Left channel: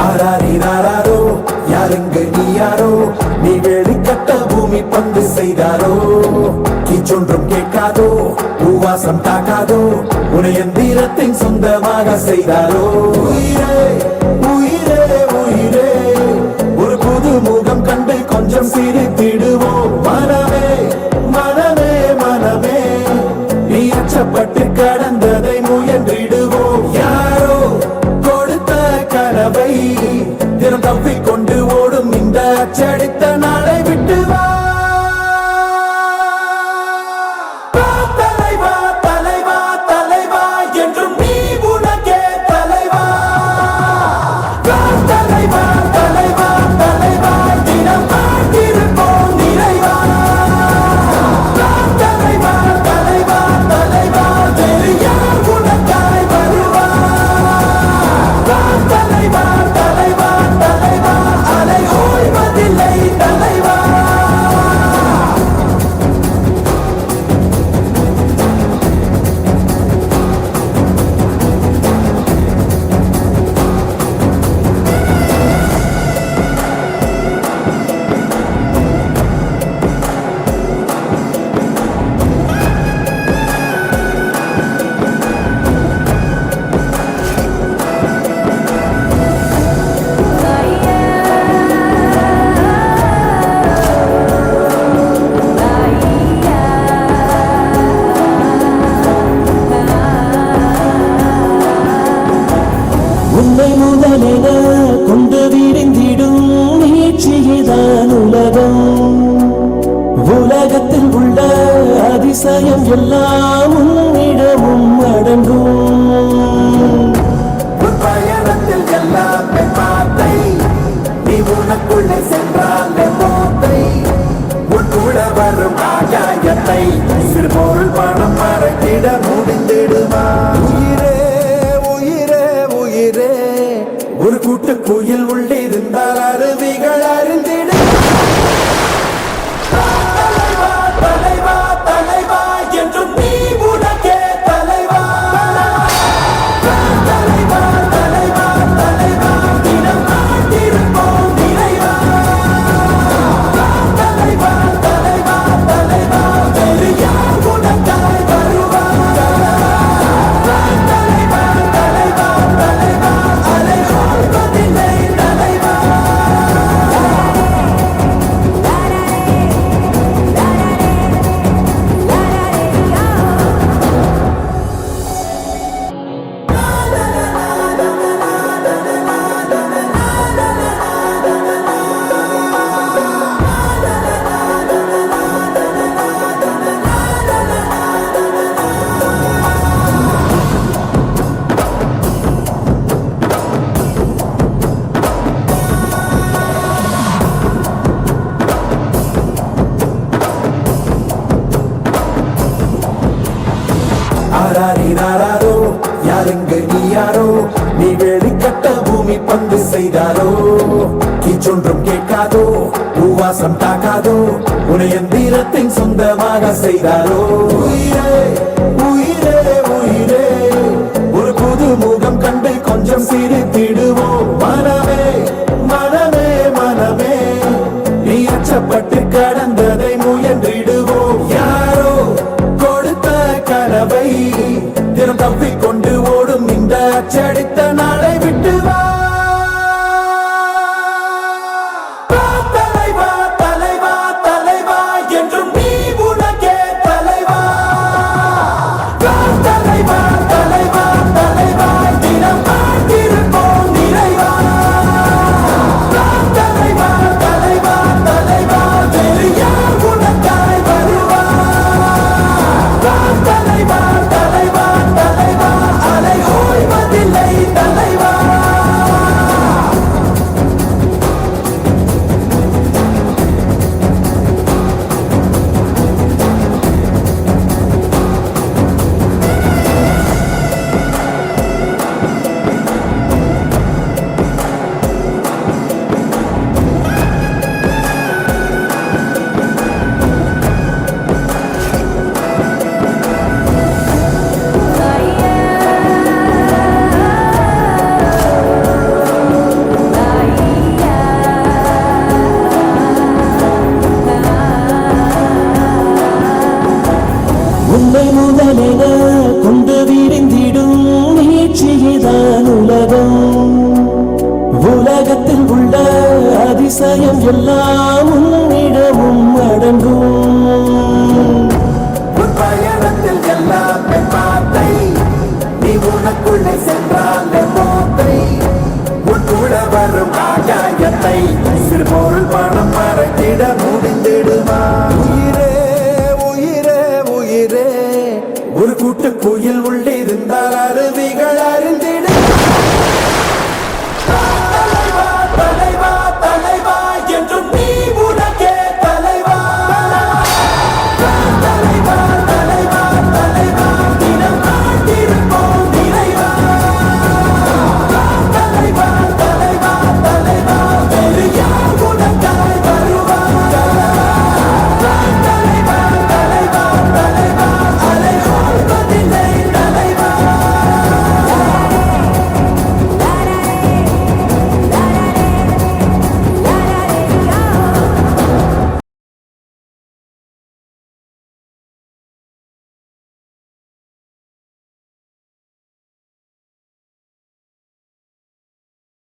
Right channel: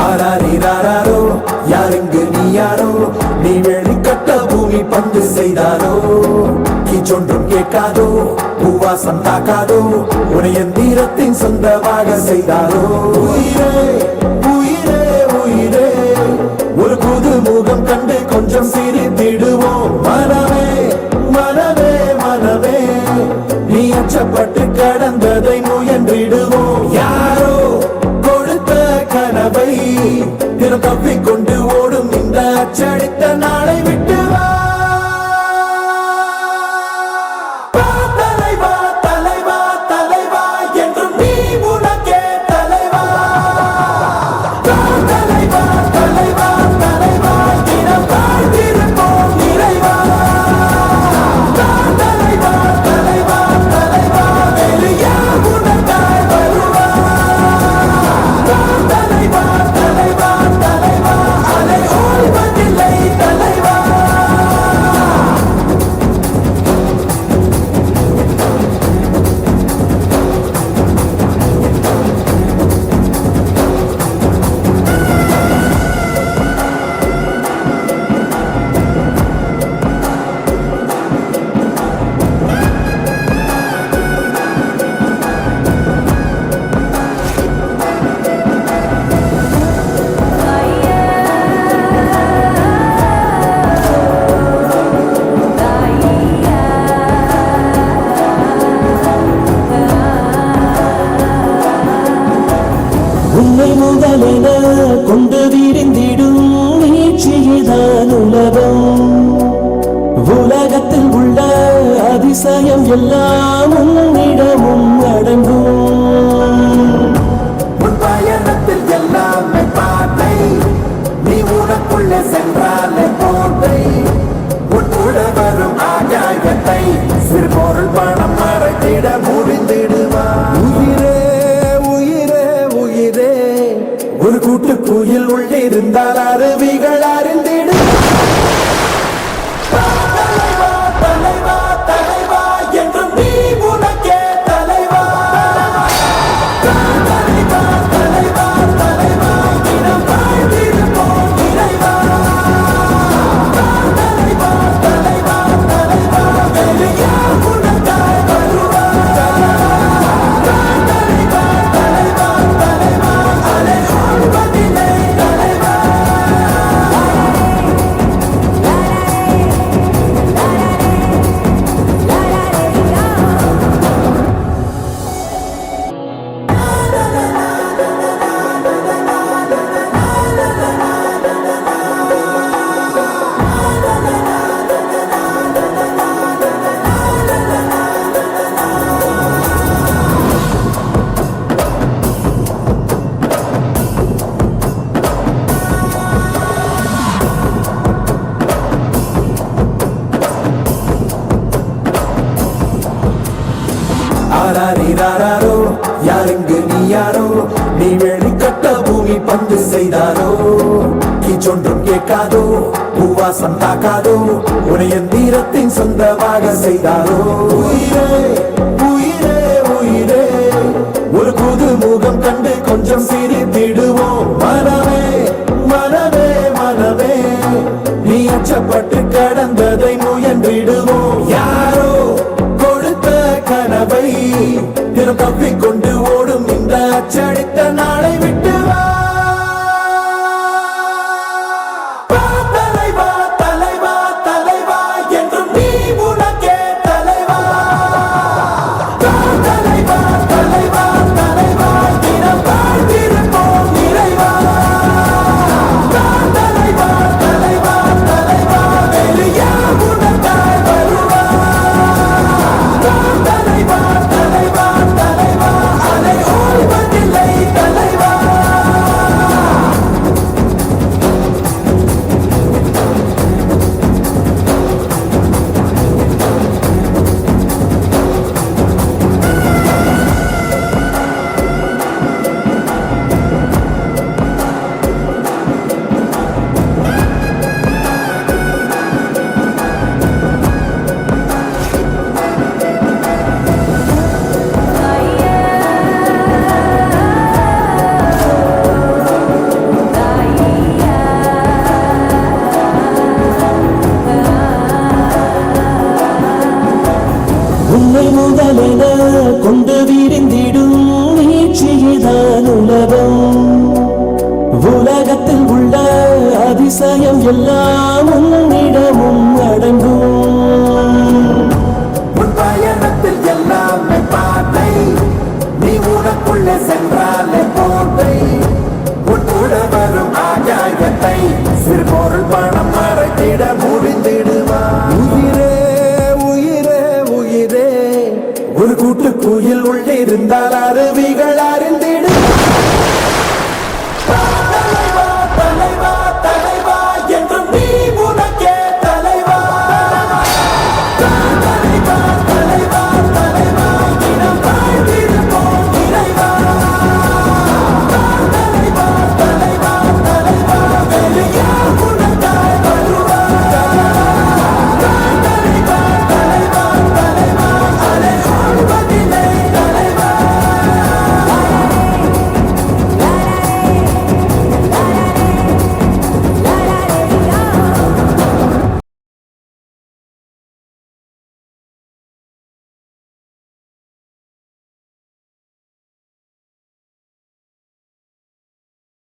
ஆராரிராரோ யாருங்க நீ யாரோ நீ வெளிக்கட்ட பூமி பந்து செய்தாரோ கீச்சொன்றும் கேட்காதோ பூவாசம் தாக்காதோ உனை எந்திரத்தின் சொந்தமாக செய்தாரோ உயிரே உயிரே உயிரே ஒரு புது முகம் கண்டு கொஞ்சம் சிரித்திடுவோம் மனமே மனமே மனமே நீ அச்சப்பட்டு கடந்ததை முயன்றிடுவோம் யாரோ கொடுத்த கனவை தினம் தப்பிக்கொண்டு ஓடும் இந்த அச்சடித்த நாளை விட்டு வா தலைவா தலைவா தலைவா என்றும் நீ உனக்கே தலைவா தலைவா தலைவா தலைவா தினம் வாழ்ந்திருப்போம் நிறைவா தலைவா தலைவா தலைவா வேறு யார் உனக்காய் வருவா தலைவா தலைவா தலைவா அலை ஓய்வதில்லை தலைவா உன்னை முதலென கொண்டு விரிந்திடும் நீட்சியேதான் உலகம் உலகத்தில் உள்ள அதிசயம் எல்லாம் உன்னிடமும் அடங்கும் உன் பயணத்தில் எல்லாமே பாதை நீ உனக்குள்ளே சென்றாலே போதை உன் கூட வரும் ஆகாயத்தை சிறு பொருள் பணம் மறைத்திட முடிந்திடுவா உயிரே உயிரே உயிரே ஒரு கூட்டு குயில் உள்ளிருந்தால் அருவிகள் அறிந்திடு தலைவா தலைவா தலைவா என்றும் நீ உனக்கே தலைவா தலைவா தலைவா தலைவா தினம் வாழ்ந்திருப்போம் நிறைவா தலைவா தலைவா தலைவா வேறு யார் உனக்காய் வருவா தலைவா தலைவா தலைவா தலைவா அலை ஓய்வதில்லை தலைவா ஆராரிராரோ யாருங்க நீ யாரோ நீ வெளிக்கட்ட பூமி பந்து செய்தாரோ கீச்சொன்றும் கேட்காதோ பூவாசம் தாக்காதோ உனை எந்திரத்தின் சொந்தமாக செய்தாரோ உயிரே உயிரே உயிரே ஒரு புது முகம் கண்டு கொஞ்சம் சிரித்திடுவோம் மனமே மனமே மனமே நீ அச்சப்பட்டு கடந்ததை முயன்றிடுவோம் யாரோ கொடுத்த கனவை தினம் தப்பிக்கொண்டு ஓடும் இந்த அச்சடித்த நாளை விட்டு வா தலைவா தலைவா தலைவா என்றும் நீ உனக்கே தலைவா தலைவா தலைவா தலைவா தினம் வாழ்ந்திருப்போம் நிறைவா தலைவா தலைவா தலைவா வேறு யார் உனக்காய் வருவா தலைவா தலைவா தலைவா அலை ஓய்வதில்லை தலைவா அதிசயம் எல்லாம் உன்னிடம்